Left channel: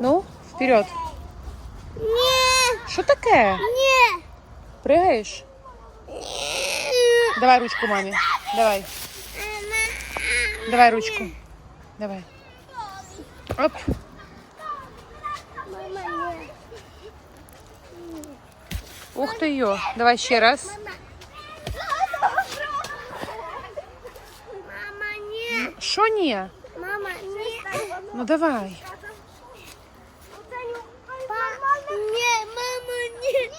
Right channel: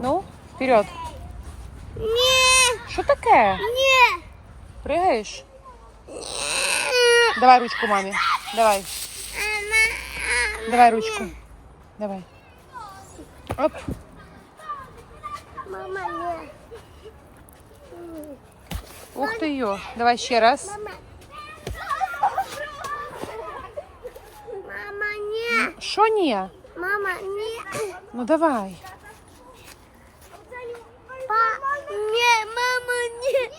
Ну, вперед. Ні, Що таке? ні. Пригаєш? Давай ручку мамі. Давай. Давай ручку. Давай. Оп. Мама, ні. Ух ти йо. Давай ще раз. Мама. Мама, ні. Що ні? Мама, ні. Ну давай.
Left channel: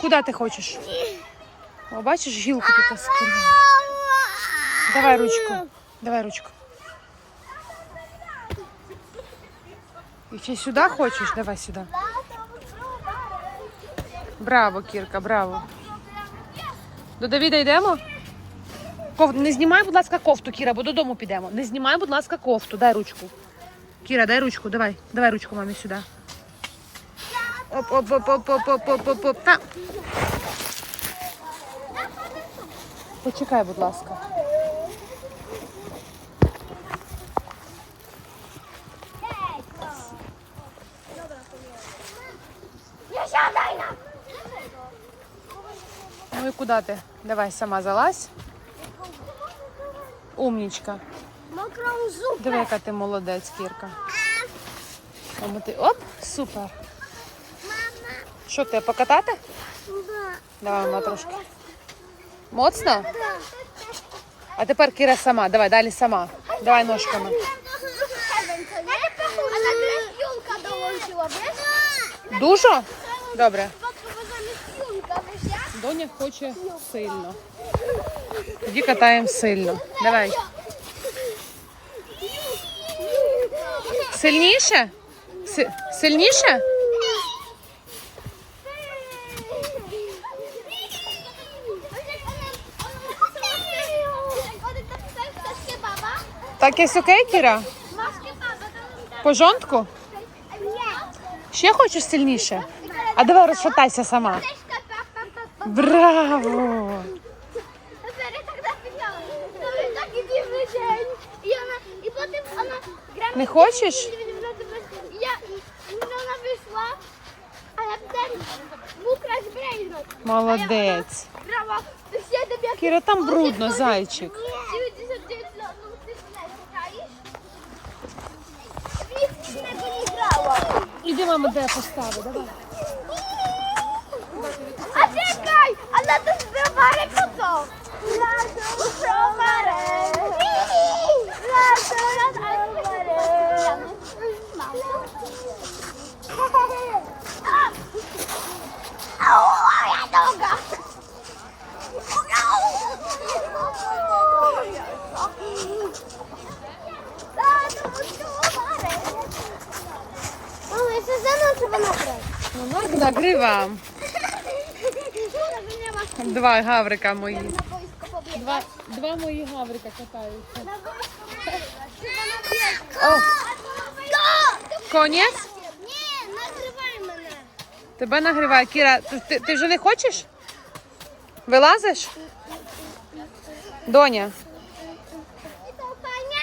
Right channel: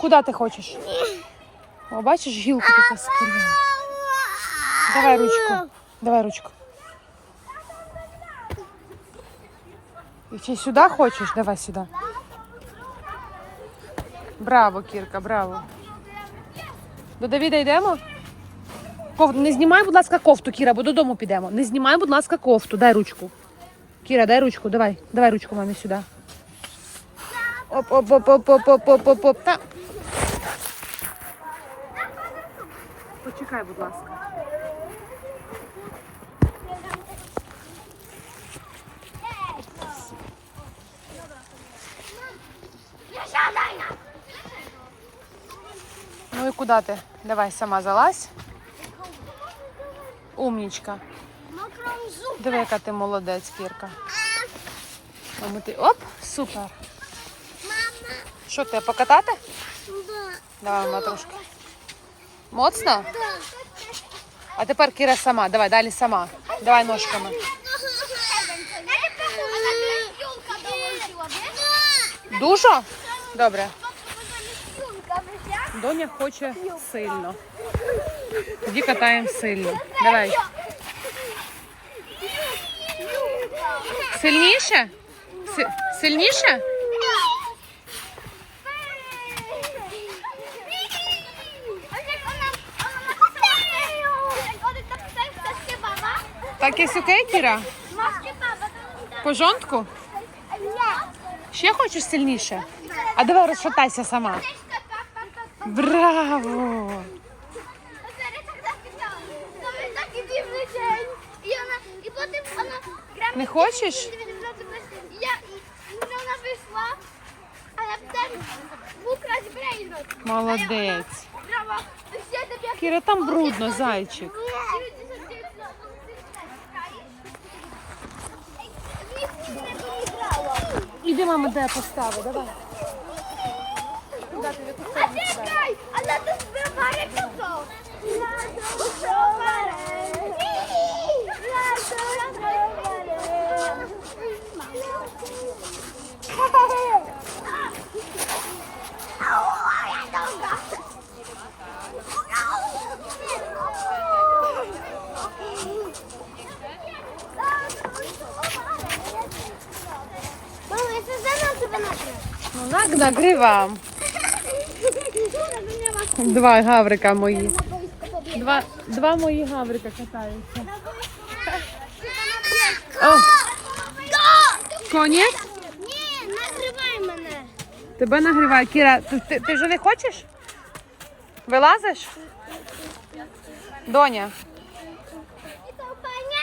Куди ти хочеш? О, бачиш, гілку тут скинула. Давай ручку. Давай ручку. І чи сюди хочеш? Давай сюди. Браво, Кірка, браво. До Давіда йдемо? Ков... Не знімай, будь ласка, кофту, Кіра, бо додому підемо. Не знімай, будь ласка, кофту. Дай ручку. Кіра, дай ручку, давай. Давай ручку мамі сюди. Оп, оп, оп, оп, оп, оп, оп, оп, оп. Та. Почекай, будь ласка. Ну і куди ти? Давай сама залазь. Умнічка. Диви, яка ти молодець, Кірка. Ти... Оп, супер. Мама, Що ти, покатати? да. Давай, мама, трошки. Моцно? А тепер Кіра сама. Давай, далі сама. Давай ножками. Дуже? Добре. Доня хоче сильно. Тоді катаємо сильно. Давай. Сильніше? Си- Сильніше? Так є окей, Кіра? По жонтку? Ще хочеш сильніше? А давай розшатайся сама. Браво! Не хочеш? Молодець. Кіра, там брудно, зайчик. Іди, мама, де постави, давай. Куди ти в яку сторону кидаєш? Чекай, а на тут збиває кусок. Мама, я все знаю, що вона прийде. Так, нагрівам. Два гаврика мої. Два, два мої гаврика катаються. О, конець? Ні, не мене. Тебе нагріває. Кіра, ти, ти, ти вже не хочеш? Вилазиш? Доня, Це Таня?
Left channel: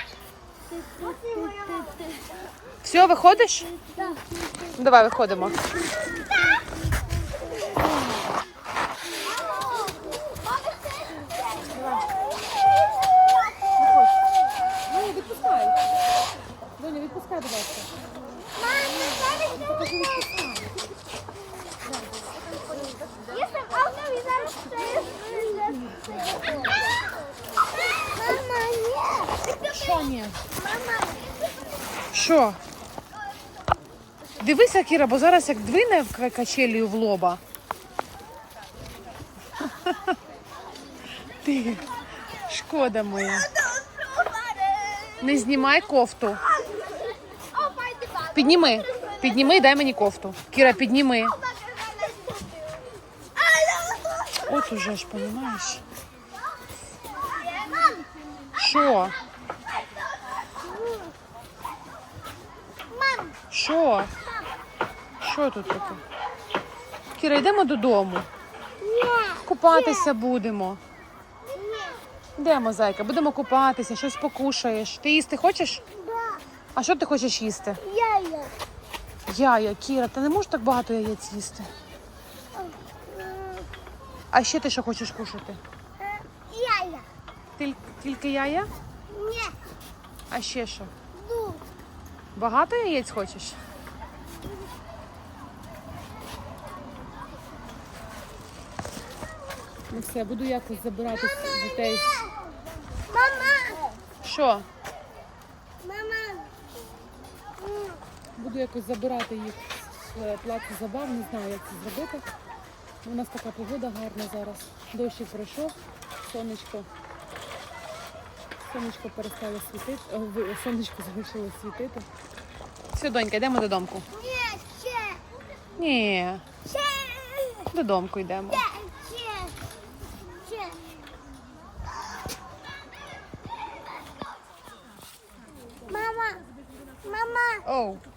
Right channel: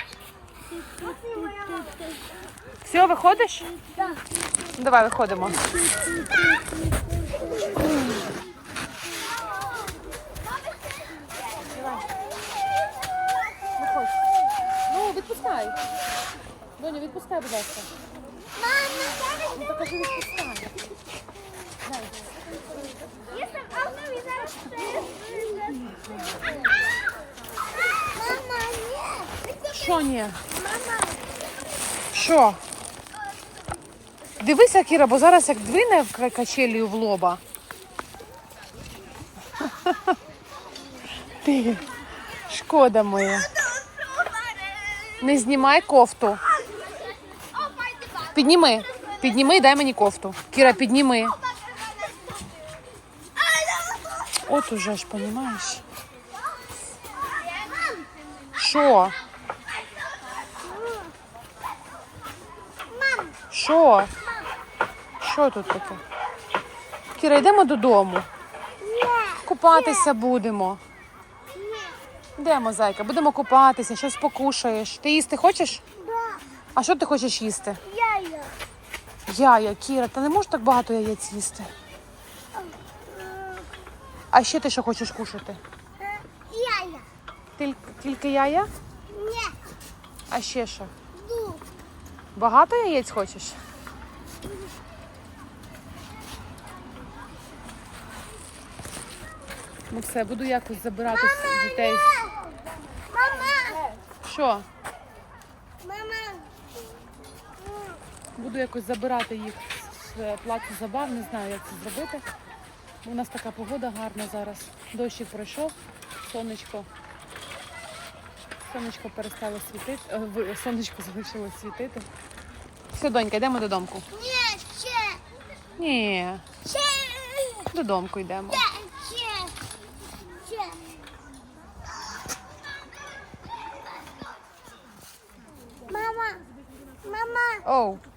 Все, виходиш? Так. Давай виходимо. Виходь. Ну, відпускай. Доня, відпускай, будь ласка. Ну, покажи, відпускай. Мама, ні. Що ні? Що? Дивися, Кіра, бо зараз як двине качелію в лоба. Ти, шкода моя. Не знімай кофту. Підніми. Підніми і дай мені кофту. Кіра, підніми. От уже ж, понімаєш? Що? Що? Що тут таке? Кіра, йдемо додому. Купатися будемо. Йдемо, зайка, будемо купатися, щось покушаєш. Ти їсти хочеш? Да, А що ти хочеш їсти? я є. Яя, Кіра, ти не можеш так багато яєць їсти. А ще ти що хочеш кушати? Яя. Тіль- Тільки яя? Ні. А ще що? Багато яєць хочеш? Ну все, буду якось забирати з- дітей. Мама. Що? Мама. Буду якось забирати їх з плацу забав, не знаю, як це зробити. У нас така погода гарна зараз. Дощик пройшов, сонечко. Сонечко перестало світити, е, сонечко залишилось світити. Все, донька, йдемо додому. Ні, ще. Ні, Ще. додому йдемо. Ще. Ще. Мама. Мама. Оу,